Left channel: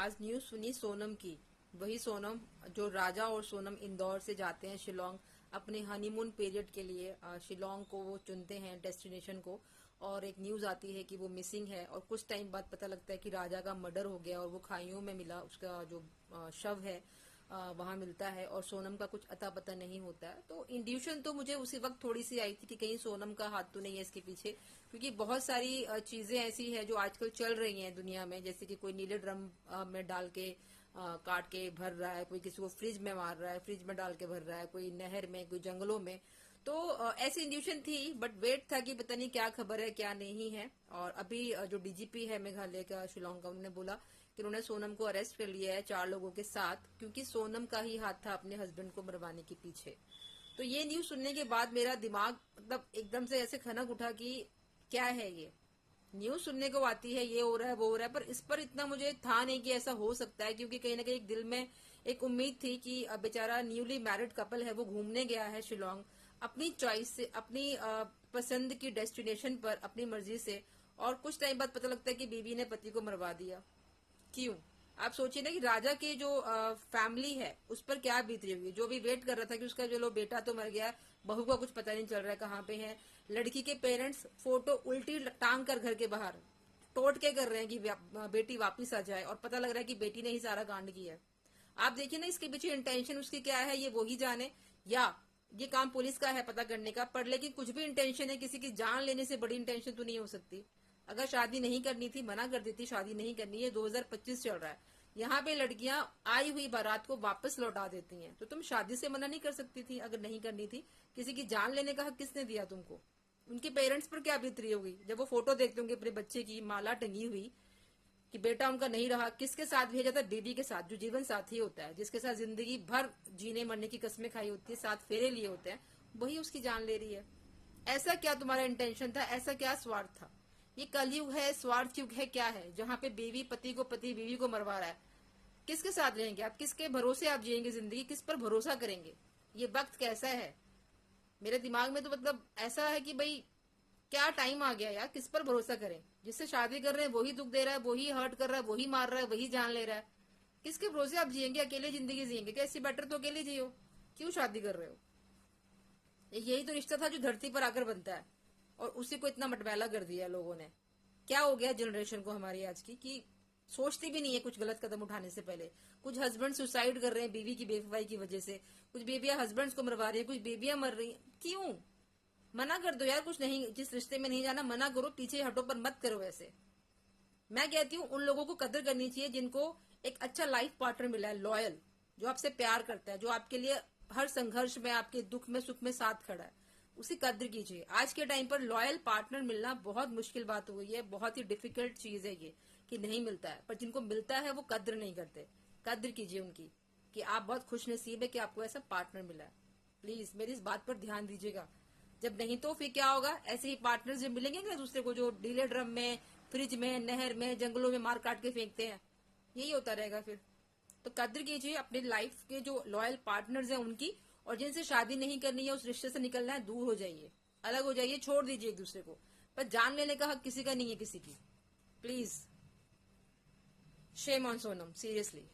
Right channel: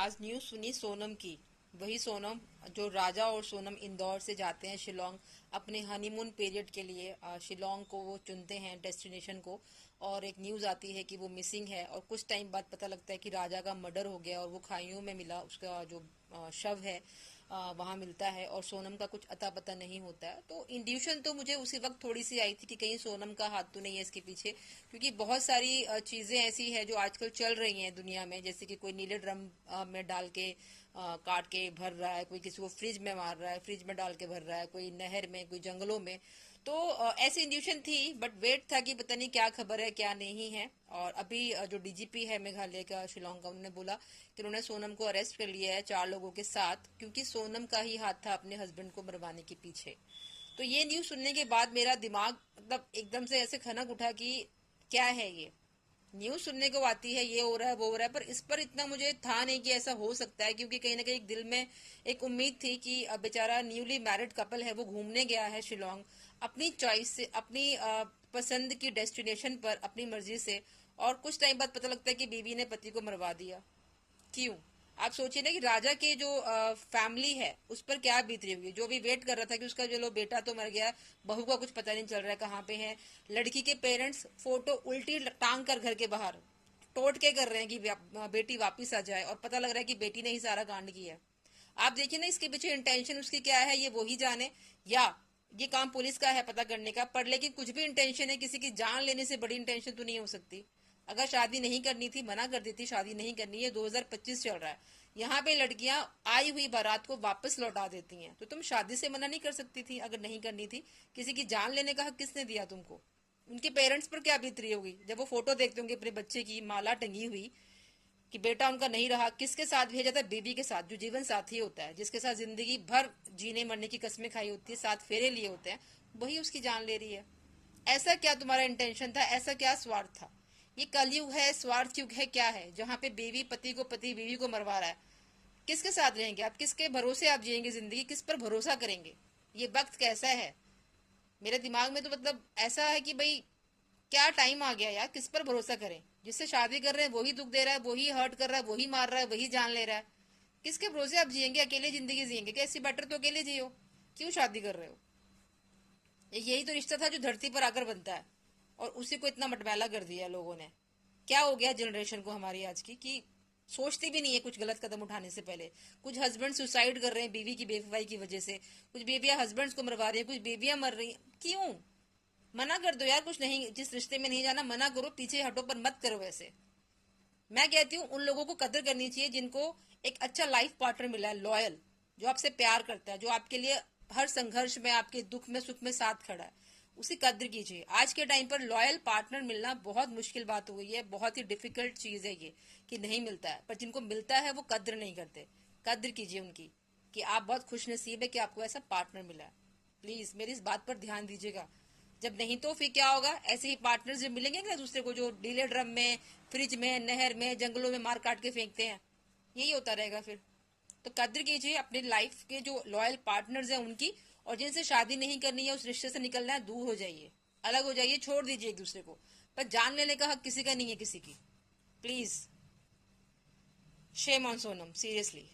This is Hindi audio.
आज न्यूज सुनी सोनम की। वही सोनम जो राजा और सोनम इंदौर से जाते हैं शिलोंग अपने हनीमून पीरियड के लिए। शिलोंग को वो चुनते हैं डेस्टिनेशन को, और एक न्यूज आती है कि वो मिसिंग है, और कुछ टाइम बाद पता लगता है कि राजा का मर्डर हो गया और वो खाइयों में मिला, उसका जो शव है वहां मिलता है, और सोनम का कुछ अता पता नहीं होता है। तो इंड्यूशन तो मुझे उसी वक्त थोड़ी सी आई थी कि कहीं सोनम का हाथ तो नहीं है इसके पीछे, क्योंकि बहुत सारी चीजें ऐसी है जो आजकल चल रही हैं दुनिया में, जैसे कि कोई नीले ड्रम में डाल के काट के भर रहा है, कोई किसी को फ्रिज में मार रहा है, फ्रिज में डाल के भर रहा है, कोई नहर में, कोई जंगलों में। तो ऐसी इंड्यूशन थी, बट वेट था कि पता नहीं क्या खबर है क्या नहीं है। और अभी जो डीजीपी है मेघालय का शिलोंग का, उन्होंने बोला कि उन्होंने सोनम को अरेस्ट कर लिया है 4 लोगों के साथ, क्योंकि सोनम का ही हाथ था अपने हस्बैंड को मरवाने के पीछे। तो ये न्यूज सुनने के बाद मेरा दिमाग मतलब एकदम से ऐसे खनक उठा कि क्या है ये। न्यूज सुनने को आती है ये हो रहा है वो हो रहा है, पर इस पर इतना मुझे था नहीं कि ऐसा हो सकता है, क्योंकि कहीं ना कहीं दिल में एक उम्मीद थी कि बेचारा न्यूली मैरिड कपल है, वो घूमने गया है शिलोंग अपनी चॉइस से, अपनी पसंद की डेस्टिनेशन पर अपनी मर्जी से, और कुछ टाइम बाद पता लगता है कि बीवी ने पति को मरवा दिया। क्यों? आप सोचिए ना कि राजा के जो फैमिली है उस पर क्या बीत रही होगी, जो भी वेट कर रहा था कि उसका जो लो बेटा तो मर गया, बहू का कुछ पता नहीं चल रहा है कहाँ पे है। लड़की के पेरेंट्स फोटो उल्टी टांग कर घर के बाहर टोट के कर रहे हैं कि बेटी वापिस आ जाए, और पता लग रहा है कि बेटी ने ही सारा कांड किया है। आप देखिए ना इसके पीछे इंटेंशन उसकी क्या है, ये वो ही जाने, या ये काम पुलिस का है पता करने का। पर लेकिन कुछ भी इंटेंशन है, किसी की जान लेने से बड़ी इंटेंशन तो नहीं हो सकती। अगर शादी नहीं करनी थी मना कर देती, शादी नहीं करनी है, 2025 चल रहा है, यहाँ पे लड़कियां आई हुई बारात को वापस लौटा देती हैं, तो तुम शादी से मना नहीं कर सकती थी अगर नहीं करनी थी। किसी की जान लेने का हक किसने दिया तुमको? उनके पेरेंट्स पर क्या बीत रही होगी जब वो फोटो देखते होंगे अपने बच्चे की माला टंगी हुई कि बेटा उनका नहीं रहा। किसके साथ भेजा था? बीबी के साथ, जो जीवन साथी होता है, जिसके साथ जिंदगी भर जीने मरने की कस्में खाई होती है, साथ फेरे लिए होते हैं, वही उसकी जान ले रही है। ऐसा क्या तुम्हारा इंटेंशन था? ऐसा क्या स्वार्थ था? ये कलयुग है, स्वार्थ युग है, क्या है जहाँ पे बीवी पति को, पति बीवी को मरवा रहा है? किसके साथ रहेंगे आप? किसके भरोसे आप जिएंगे जिंदगी? किस पर भरोसा करेंगे? ये वक्त कैसा है? मेरे दिमाग में तो मतलब ऐसा है कि भाई क्या टाइम आ गया यार, किस पर भरोसा करें? जिससे शादी कर रहे हैं वही दुख दे रहा है, वही हर्ट कर रहा है, वही मार रहा है, वही जान ले रहा है। किसके भरोसे आप जिएंगे? अकेले जिंदगी जिएंगे क्या? इससे बेटर तो अकेले जियो। क्यों शादी कर रहे हो? यही तो रिश्ता था जो धरती पर आकर बनता है, और उसी को इतना मटमैला कर दिया लोगों ने। क्या हो गया जनरेशन को हमारी आज की कि सोचती भी नहीं है कुछ गलत कदम उठाने से पहले। कुछ हस्बैंड सुसाइड कर रहे हैं बीवी की बेवफाई की वजह से, कुछ बेबियां हस्बैंड्स को मरवा रही हैं, कुछ बेबियां मर रही हैं। क्यों? मना कर दो यार, कुछ नहीं, जिस रिश्ते में नहीं जाना मना करो, पीछे हटो, पर मत करो वैसे। मैं कहती हूँ उन लोगों को कदर करनी चाहिए जिनको एक अच्छा लाइफ पार्टनर मिला है, लॉयल, जो आपसे प्यार करता है, जो आपके लिए हर संघर्ष में, आपके दुख में सुख में साथ खड़ा है, उसी कद्र कीजिए। आज के टाइम पर लॉयल पार्टनर मिलना बहुत मुश्किल बात हो गई है, बहुत ही डिफिकल्ट चीज है ये, कि नहीं मिलता है। पर जिनको मिलता है वो कद्र नहीं करते। कद्र कीजिए उनकी, कि आप बहुत खुश नसीब है कि आपको ऐसा पार्टनर मिला है। प्लीज मेरी इस बात पर ध्यान दीजिएगा। जब नहीं तो फिर क्या होगा? ऐसे ही पार्टनर्स जब मिलेंगे ना दूसरे को, जो नीले ड्रम में, फ्रिज में, नहर में, जंगलों में मार काट के फेंकते हैं, यही होता रहेगा फिर। तो कद्र कीजिए अपने लाइफ के जो लॉयल पार्टनर्स हैं उनकी, और जिनसे शादी नहीं करनी है, उस रिश्ते से निकलना है, दूर हो जाइए, अलग हो जाइए, छोड़ दीजिए एक दूसरे को। पर जान लेने का हक किसी का नहीं है किसी की। Please, shame on Sonam, seriously.